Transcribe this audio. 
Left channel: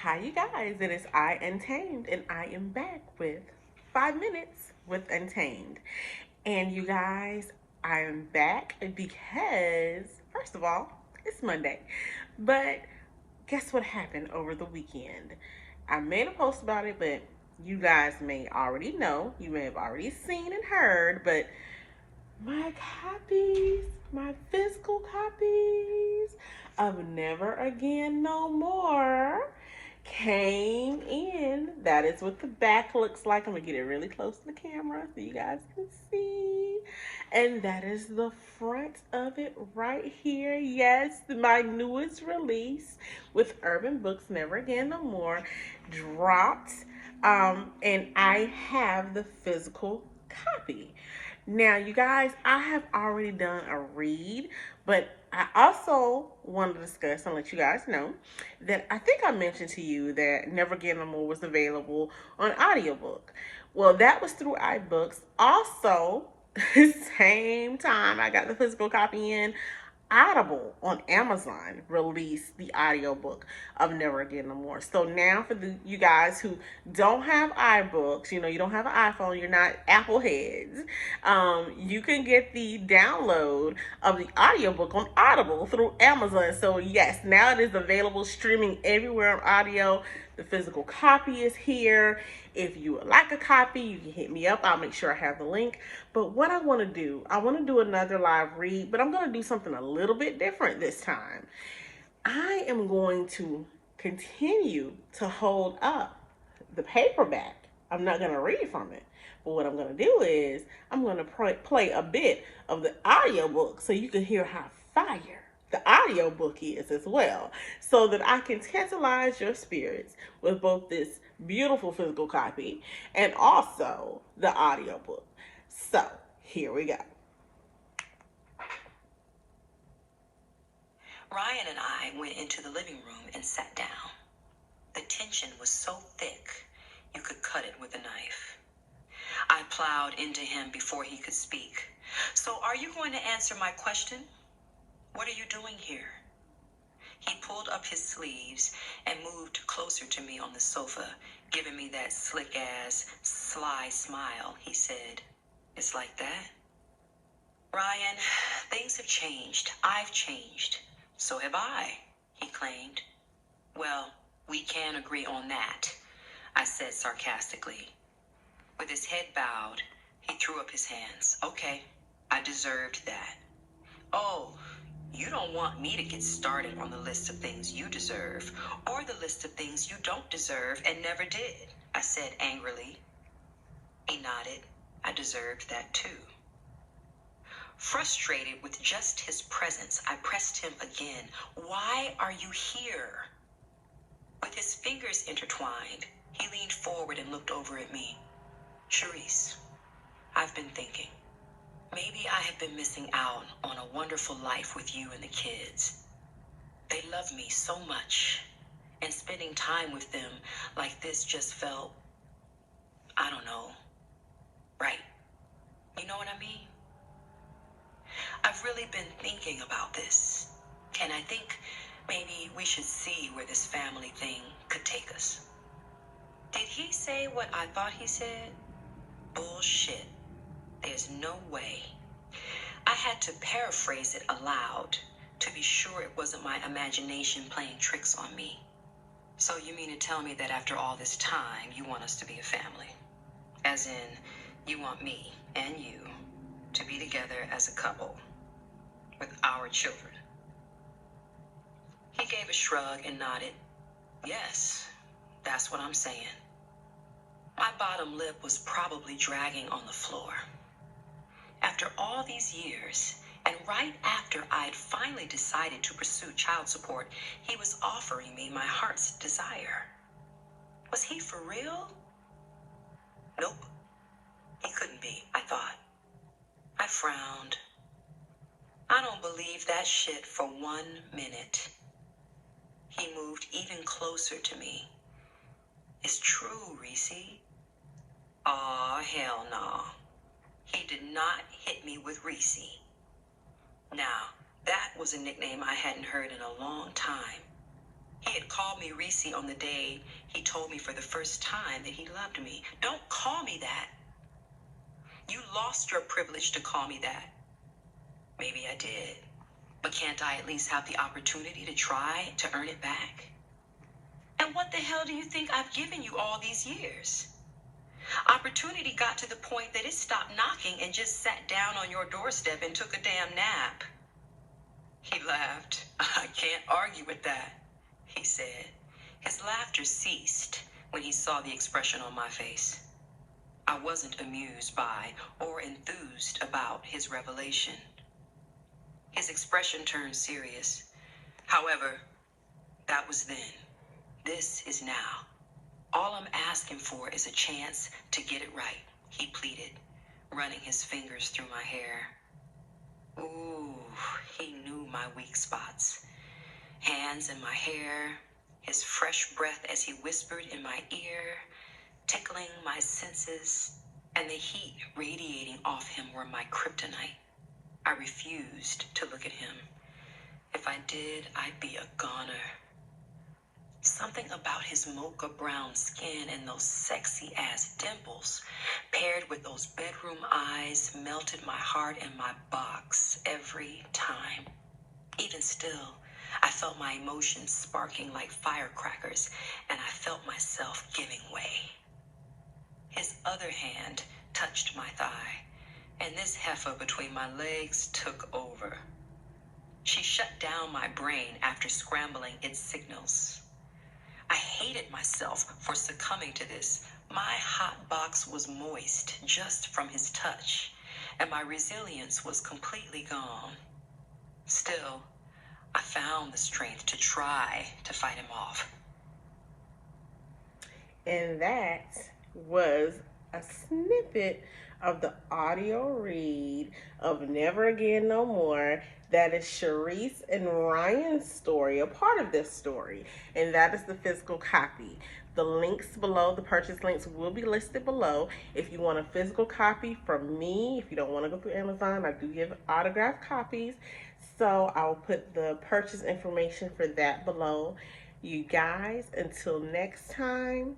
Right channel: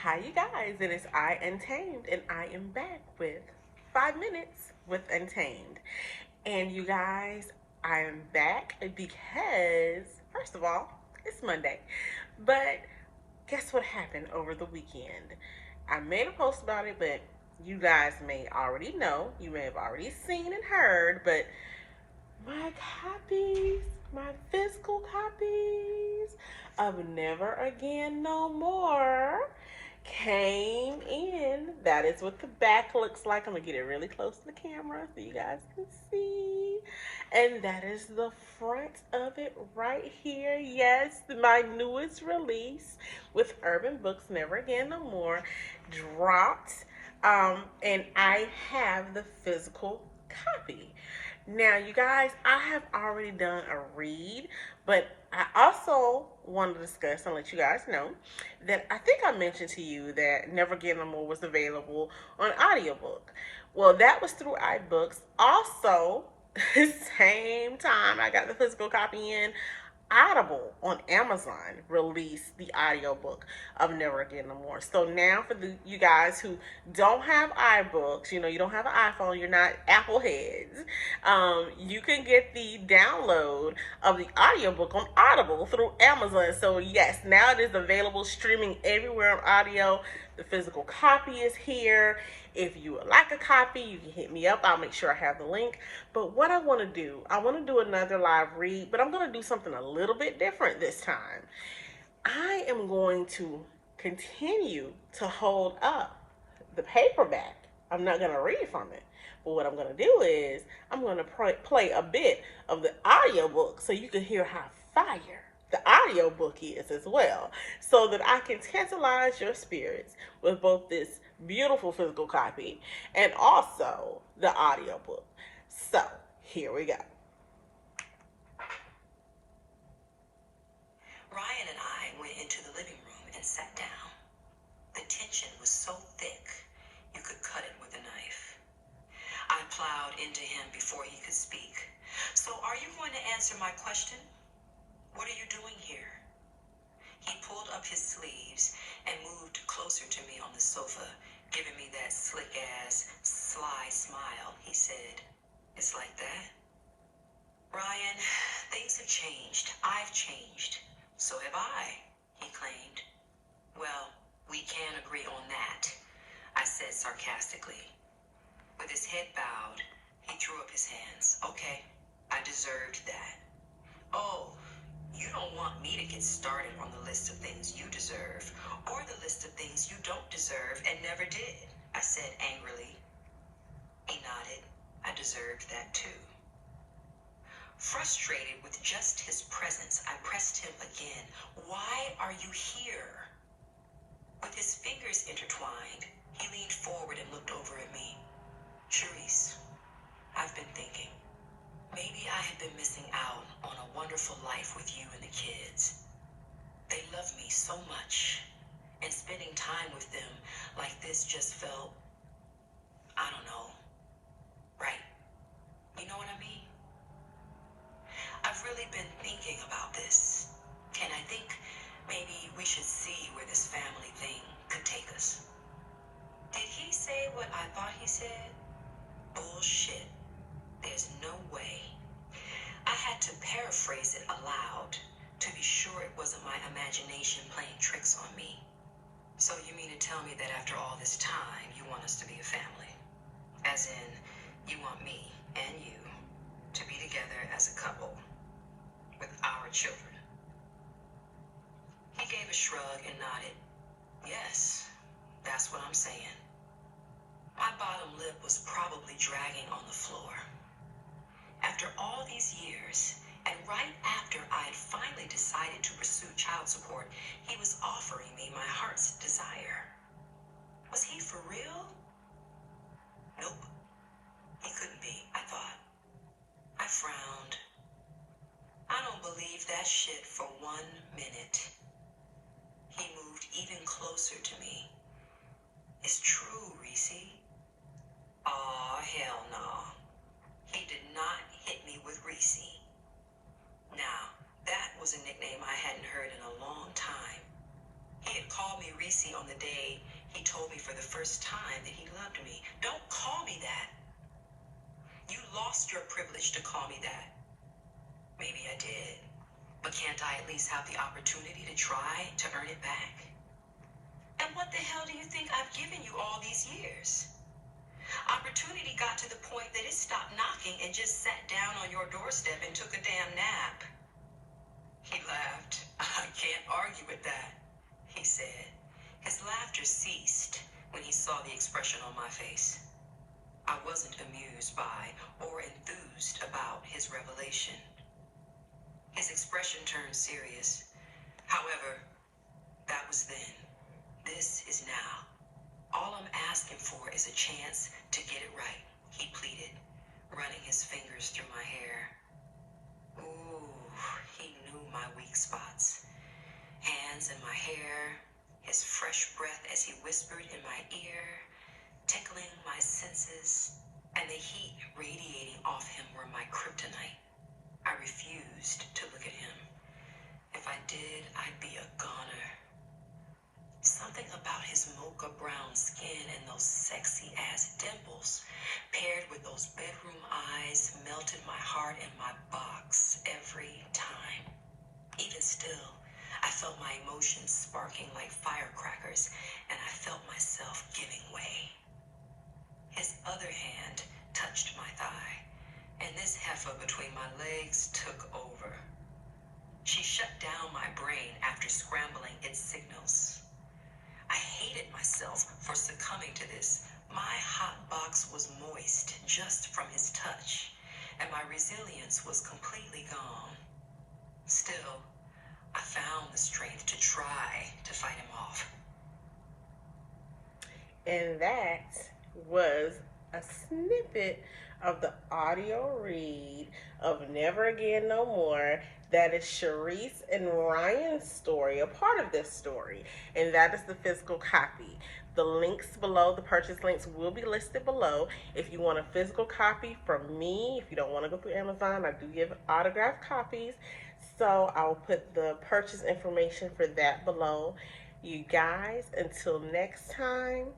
Hi, you guys. It is I, Untamed, and I am back with 5 minutes with Untamed. And you guys, I am back because, first of all, it's Monday. But guess what happened over the weekend? I made a post about it, but you guys may already know. You may have already seen and heard, but my copies, my physical copies of Never Again No More came in. That is what the back looks like. I'm gonna get it really close to the camera so you guys can see. And that is the front of it right here. Yes, my newest release with Urban Books, Never Again No More, dropped. And I have the physical copy. Now, you guys, I have already done a read, but I also want to discuss and let you guys know that I think I mentioned to you that Never Again No More was available on audiobook. Well, that was through iBooks. Also, same time I got the physical copy in, Audible on Amazon released the audiobook of Never Again No More. So now for you guys who don't have iBooks, you don't have an iPhone, you're not Apple heads, you can get the download of the audiobook on Audible through Amazon. So yes, now it is available streaming everywhere on audio. The physical copy is here. If you would like a copy, you can hit me up. I'll make sure I have the link. But what I want to do, I want to do another live read, but I'm going to do something a little bit different this time. I am going to continue to hold up the paperback. I'm not going to read from it. But what I'm going to do is I'm going to play a bit of the audiobook so you can hear how fire the audiobook is as well, so that I can tantalize your spirits with both this beautiful physical copy and also the audiobook. So here we go. Ryan and I went into the living room and sat down. The tension was so thick, you could cut it with a knife. I plowed into him before he could speak. So are you going to answer my question? What are you doing here? He pulled up his sleeves and moved closer to me on the sofa, giving me that slick-ass, sly smile. He said, "It's like that?" "Ryan, things have changed. I've changed. So have I," he claimed. "Well, we can agree on that," I said sarcastically. With his head bowed, he threw up his hands. "Okay, I deserved that." "Oh, you don't want me to get started on the list of things you deserve or the list of things you don't deserve and never did," I said angrily. He nodded. I deserved that too. Frustrated with just his presence, I pressed him again. "Why are you here?" With his fingers intertwined, he leaned forward and looked over at me. "Charisse, I've been thinking. Maybe I have been missing out on a wonderful life with you and the kids. They love me so much, and spending time with them like this just felt, I don't know, right. You know what I mean? I've really been thinking about this, and I think maybe we should see where this family thing could take us." Did he say what I thought he said? Bullshit. There's no way. I had to paraphrase it aloud to be sure it wasn't my imagination playing tricks on me. "So you mean to tell me that after all this time, you want us to be a family? As in, you want me and you to be together as a couple with our children?" He gave a shrug and nodded. "Yes, that's what I'm saying." My bottom lip was probably dragging on the floor. After all these years, and right after I'd finally decided to pursue child support, he was offering me my heart's desire. Was he for real? Nope. He couldn't be, I thought. I frowned. I don't believe that shit for 1 minute. He moved even closer to me. "It's true, Reese." Aw, hell no. He did not hit me with Reese. Now, that was a nickname I hadn't heard in a long time. He had called me me Reese on the day he told me for the first time that he loved me. Don't call me that. You lost your privilege to call me that. Maybe I did. But can't I at least have the opportunity to try to earn it back? And what the hell do you think I've given you all these years? Opportunity got to the point that it stopped knocking and just sat down on your doorstep and took a damn nap. He laughed. I can't argue with that, he said. His laughter ceased when he saw the expression on my face. I wasn't amused by or enthused about his revelation. His expression turned serious. However, that was then. This is now. All I'm asking for is a chance to get it right, he pleaded, running his fingers through my hair. Ooh, he knew my weak spots. Hands in my hair, his fresh breath as he whispered in my ear, tickling my senses, and the heat radiating off him were my kryptonite. I refused to look at him. If I did, I'd be a goner. Something about his mocha brown skin and those sexy ass dimples, paired with those bedroom eyes, melted my heart in my box every time. Even still, I felt my emotions sparking like firecrackers, and I felt myself giving way. His other hand touched my thigh, and this heifer between my legs took over. She shut down my brain after scrambling its signals. I hated myself for succumbing to this. My hot box was moist just from his touch, and my resilience was completely gone. Still, I found the strength to try to fight him off. And that was a snippet of the audio read of Never Again No More. That is Sharice and Ryan's story, a part of this story, and that is the physical copy. The links below, the purchase links will be listed below. If you want a physical copy from me, if you don't want to go through Amazon, I do give autographed copies. So I'll put the purchase information for that below. You guys, until next time.